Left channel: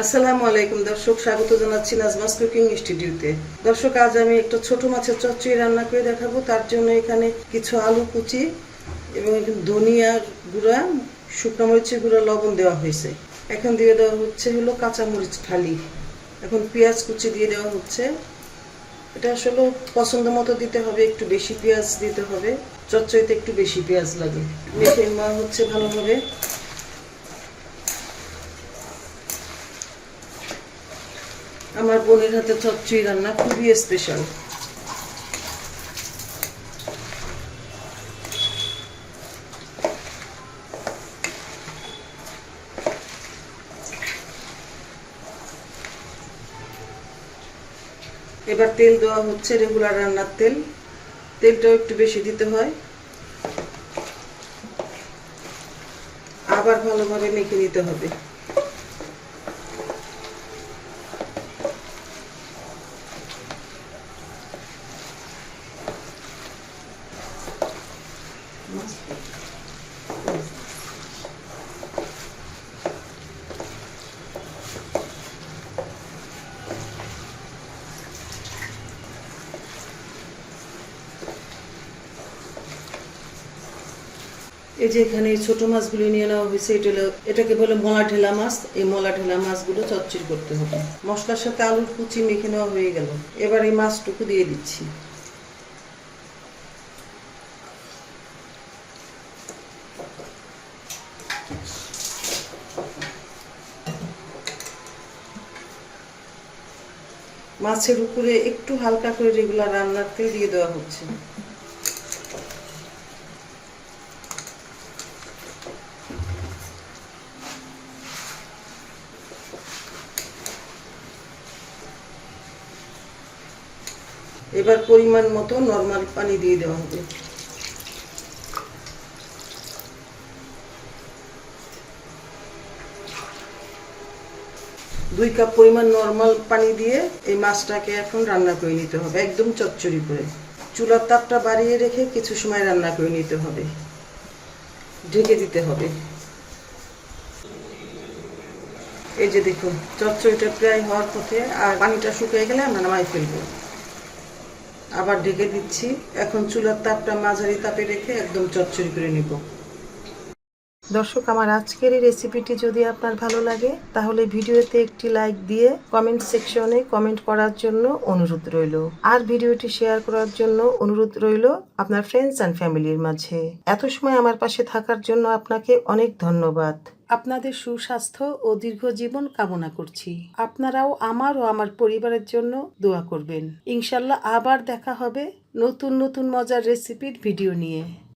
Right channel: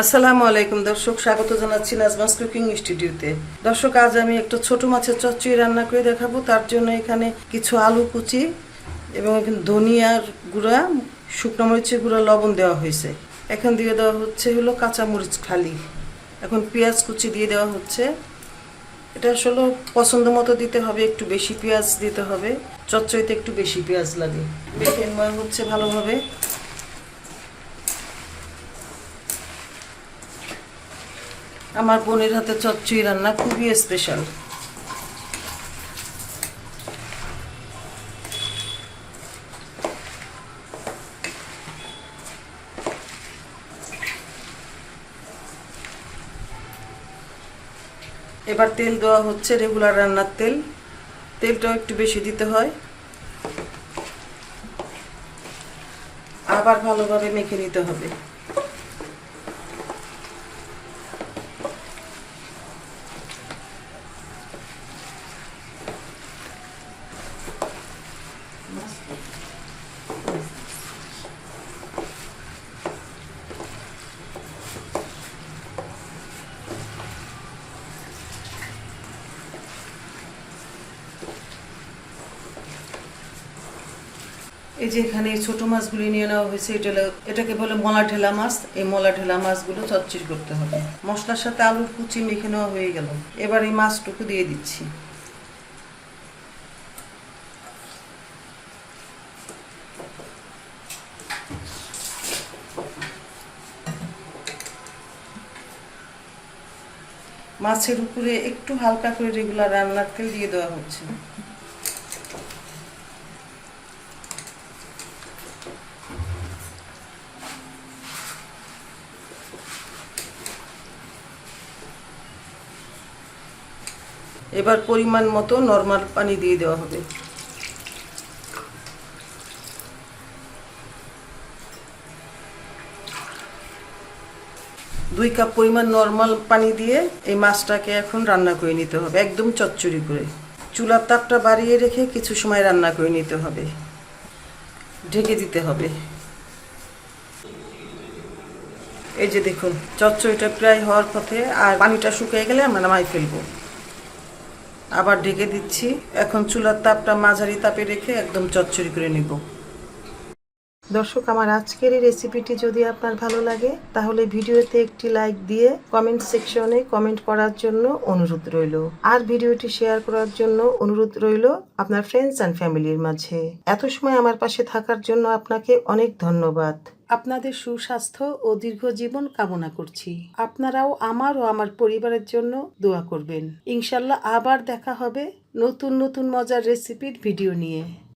আসসালামু আলাইকুম দর্শক, স্বাগত জানাচ্ছি নাজমাস কুকিং স্টুডিওতে দর্শক, আজ আমি একটু ছোট মাছের চচ্চড়ি রান্না করে দেখাবো। তার জন্য এখানে কিছু আলু কুচি এবং এখানে ধনিয়ার গুঁড়া, শুকনো মরিচের গুঁড়া, লবণ দেওয়া হয়েছে। এখন দিয়ে দেওয়া হচ্ছে হলো কাঁচা মরিচ খালি এখন পেঁয়াজ কুচি দিয়ে দেওয়া হচ্ছে। এটা আসলে পছন্দ মতো দিতে হবে, একটু বেশি পেঁয়াজ দিতে হবে। চচ্চড়িতে একটু বেশি পেঁয়াজ লাগে। মেখে হচ্ছে ভালোভাবে। আমার বোনের হাতে চচ্চড়ি রান্না খুবই স্পেশাল এবার তেল দেওয়া হচ্ছে রেগুলার রান্নার তেল। তেলটাও একটু বেশি দিতে হয়। আবার ভালোভাবে মেখে নিতে হবে। এই যে এখানে এই ছোট মাছগুলি নিয়ে নেওয়া হয়েছে, এটা এটাকে বলে মলা ঢেলা মাছ। এই মলা ঢেলা মাছগুলো চচ্চড়ি করতে হবে। মশলার সাথে আলুর কুচি মেখে নেওয়া হয়ে গেল। এবার এই মাছটুকু দিয়ে দিচ্ছি। মাছের উপরে একটু হালকা করে রেগুলার রান্নার তেল দিয়ে দেওয়া হচ্ছে। এবার পরিমাণ মতো নর্মাল পানি দিয়ে দেওয়া হবে। দুই কাপ পরিমাণ নর্মাল পানি দিয়ে এই মাছটাকে এখন রান্না করে নিতে হবে, একদম চচ্চড়ি করে। চুলার তাপটা বাড়িয়ে রেখে কিছু সময় রান্না করে নিতে হবে। ঢেকে দিতে হবে। এই যে দেখুন, চচ্চড়িটা প্রায় হওয়ার পথে আর পানিটা শুকিয়ে গেলে আমরা নামাই ফেলব। আবার ঢেকে দিচ্ছি। এখন চুলার তাপটা মাঝারি তাপে রেখে একদম চচ্চড়ি করে নিব। দর্শক, আমার আজকের এই রেসিপিটি যদি আপনার ভালো লাগে, তাহলে ভিডিওতে একটি লাইক দিয়ে কমেন্ট সেকশনে কমেন্ট করার জন্য অনুরোধ রইল। আর ভিডিওটি শেয়ার করার জন্য অনুরোধ রইল আপনার ফ্রেন্ডস অ্যান্ড ফ্যামিলির মাঝে। এত সময় আমার পাশে থাকার জন্য আপনাকে অনেক ধন্যবাদ। আপনাদের সুস্বাস্থ্য ও দীর্ঘ জীবন কামনা করছি। আপনারাও আমার ও আমার পরিবারের জন্য দোয়া করবেন। ইনশাল্লাহ আবার দেখা হবে নতুন নতুন মজার রেসিপির ভিডিও নিয়ে।